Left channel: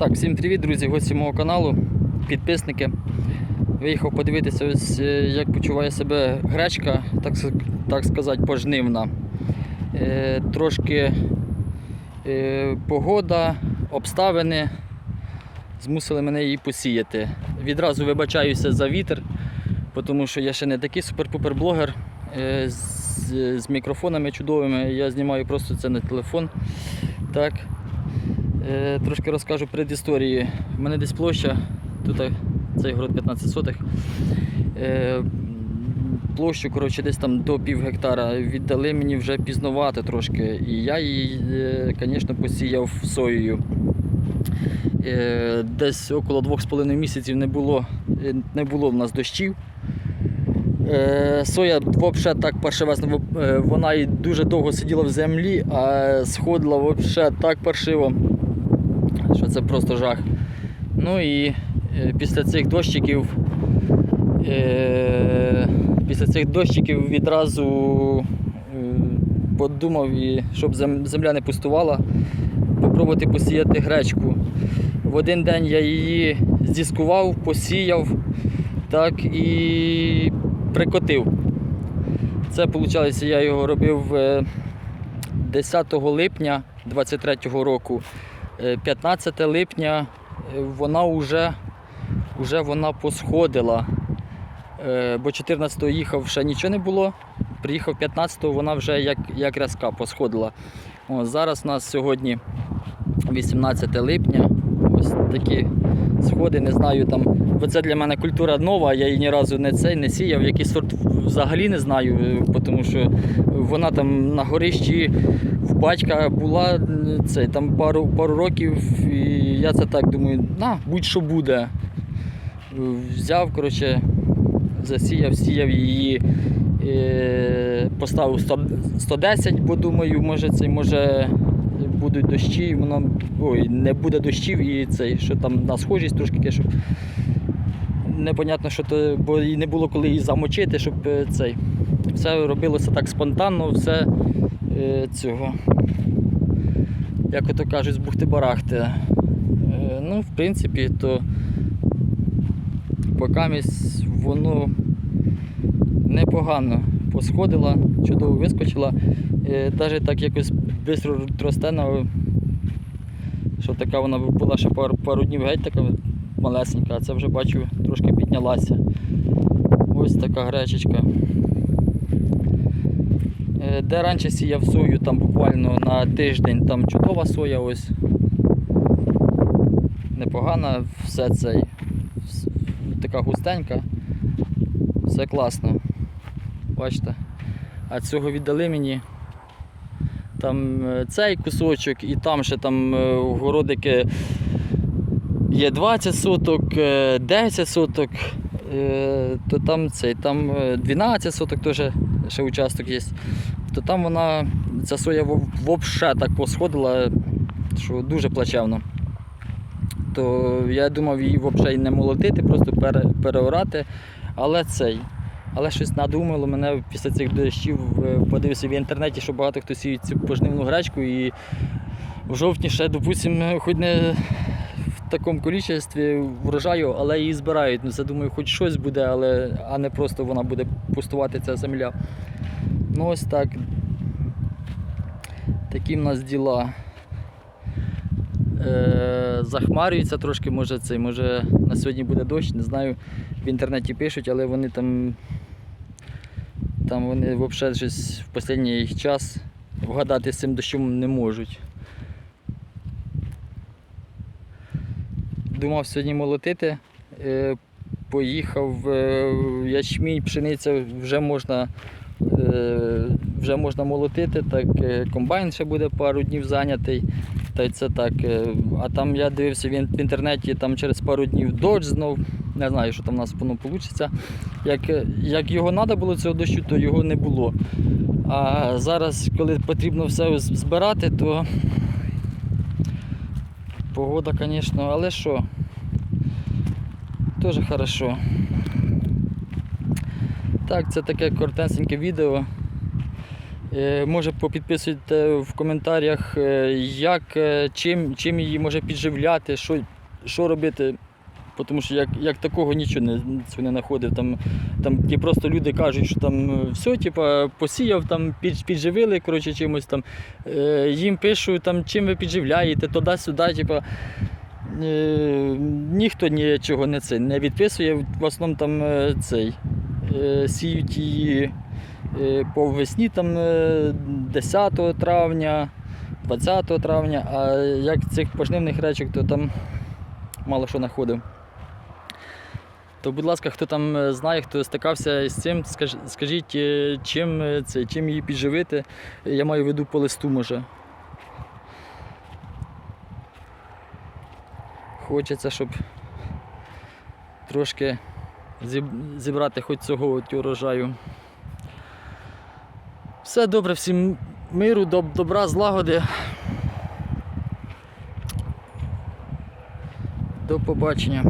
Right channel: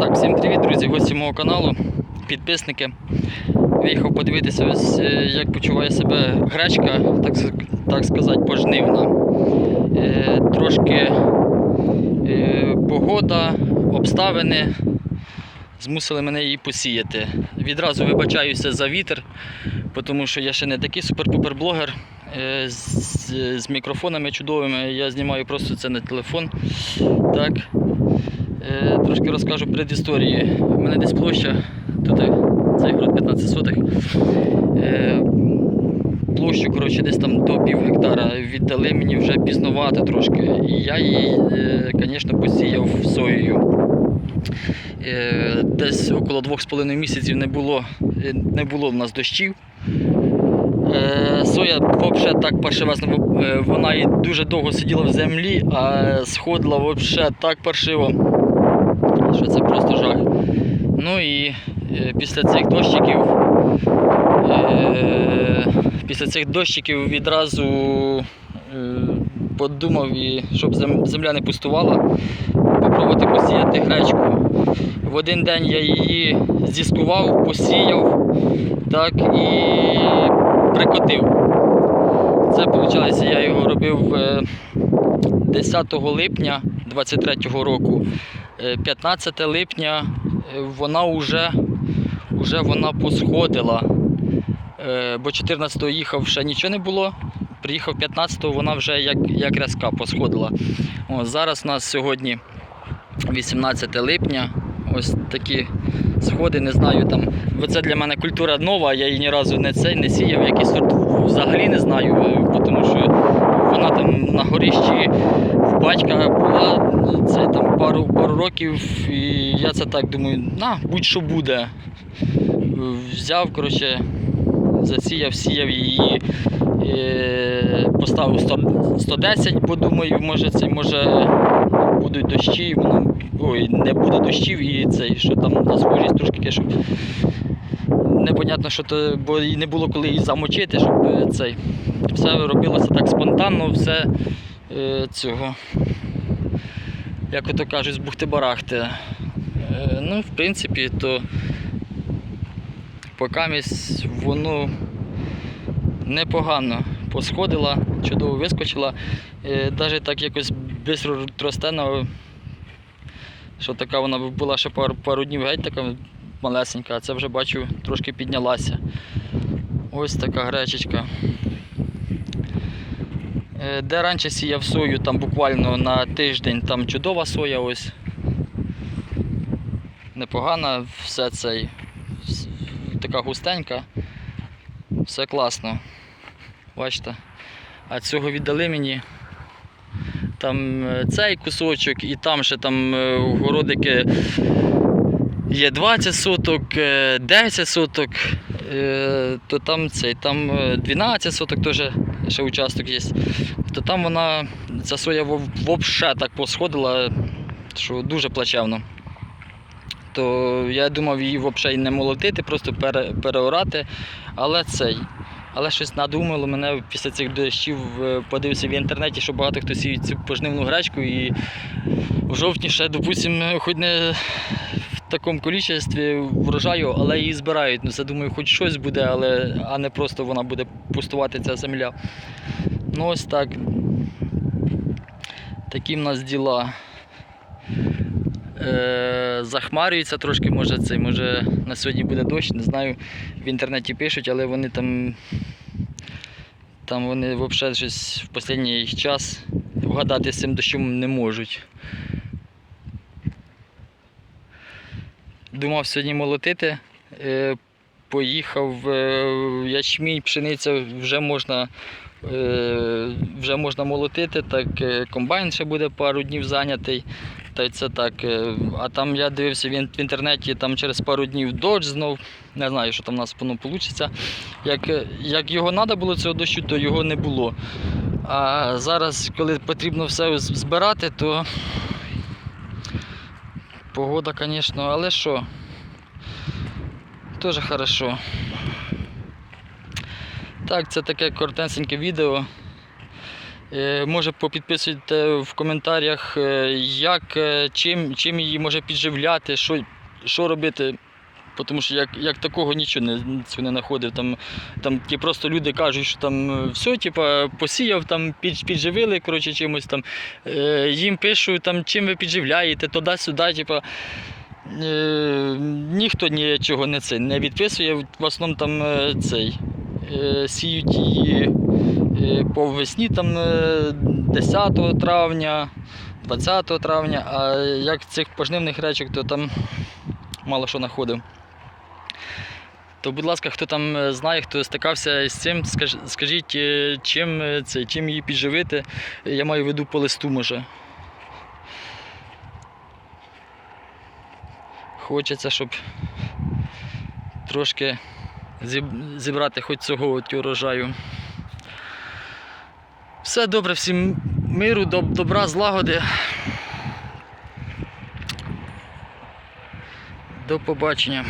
Так, всім привіт, друзі, гості мого каналу, підписники. Виїхав подивитися, ось, е, як почуває себе гречка, так, так сказати, пожнивна. Е, трошки е, погода, обставини змусили мене її посіяти. Відразу вибачаюся за вітер, тому що я ще не такий супер-пупер блогер. Е, з, з мікрофонами чудовими. Я знімаю просто це на телефон. Так. Е, трошки розкажу предісторії. У мене десь площа, тут е, цей город 15 сотих. Е, площу коротше, десь там до пів гектара віддали мені вже пізнувати трошки. І я її, е, звісно, посіяв соєю. Е, десь около 2,5 місяців не було, е, не було в нас дощів. Е, Соя взагалі так паршивезно, е, вона і дуже довго сиділа в землі, а сходила взагалі так паршиво, що це просто жах. Ну і е, після цих дощиків, е, після цих дощиків відразу е, подумав, щоб земля не пустувала, попробувати посіяти гречку. В один день я її зіскував, посіяв так і прикотив. Це виходить, я його робив е, 10 липня 23-го року. Е, 15 липня е, вона вже, вже вона посходила. Е, Бо 14-го їхав ще нічого не було. Приїхав 15-го, вона вже як, як рязка посходила. О, зараз у нас сьогодні 18 липня. Ось такі сходи, не знаю там. Бо це для мене культура нова, я її ні разу не цей не сіяв, який сорт взагалі не знаю, е, тому що там на горищі в батька була це там пару, пару років, і я це так думаю, на, будь-що буде. Взяв, коротше, засіяв, сіяв її, е, поставив 100, 110, бо думаю, може це може будуть дощі, ой, не буде дощів і цей, що там на схожість трошки щоб непонятно, що то, бо і не було коли її замочити, щоб е, цей. Все робилося так спонтанно, все е, цього. Як ото кажуть, з бухти-барахти. Е, ну, в принципі, то покамість воно непогано посходила, чудово вискочила. Е, Навіть так якось швидко росте, на- що така вона була ще пару, пару днів геть така малесенька, а це вже бачу трошки піднялася. Ось така гречечка. Е, Де раніше сіяв сою, там буквально на тиждень там чудова соя ось. Непогана, все цей. Така густенька. Все класно. Бачите? А цього віддали мені. Там е, цей кусочок і там ще там е, городики є 20 соток, е, 10 соток, е, то там цей, там е, 12 соток теж ще участок є. То там вона, ця соя взагалі так посходила, що дуже плачевно. То я думав її взагалі не молотити, просто пере, переорати. Але цей. Але щось надумало мене після цих дощів е, подивився в інтернеті, що багато хто сіє цю пожнивну гречку і в жовтні ще, допустимо, хоч не такому кількості врожаю, але її збирають. Ну, це думаю, хоч щось буде, але, а не просто вона буде пустувати ця земля. Ну ось так. Такі в нас діла. Е, захмарюється трошки, може цей, може на сьогодні буде дощ, не знаю. В інтернеті пишуть, але вони там. Там вони взагалі щось в останній час вгадати з цим дощом не можуть. Думав сьогодні молотити. Е, поїхав е, ячмінь, пшениця вже можна, е, вже можна молотити, так комбайн ще буде пару днів зайнятий. Та це так. А там я дивився в інтернеті, там через пару днів дощ знов. Не знаю, що там у нас воно вийде. Як, як його треба було цього дощу, то його не було. А зараз, коли потрібно все збирати, то погода, звісно, але що? Теж хорошо. Так, це таке коротеньке відео. Е, Може попідписуйте в коментарях, е, як, е, чим, чим її може підживляти, що, що робити. Тому що як, як такого нічого не, цього не знаходив. Там, там ті просто люди кажуть, що там е, все, типа, посіяв, там, під, підживили коротше, чимось там. Е, їм пишу, там, чим ви підживляєте, туди-сюди. Типа, е, ніхто нічого не, це, не відписує. В основному там е, цей. Е, сіють її е, по весні там, е, 10 травня, 20 травня, а як цих пожнивних речок, то там мало що знаходив. То, будь ласка, хто там е, знає, хто стикався з цим, скаж- скажіть, е, чим, е, це, чим її підживити. Я маю в виду по листу може. Хочеться, щоб трошки зібрати хоч цього от урожаю. Все добре, всім миру, доб- добра, злагоди. До побачення.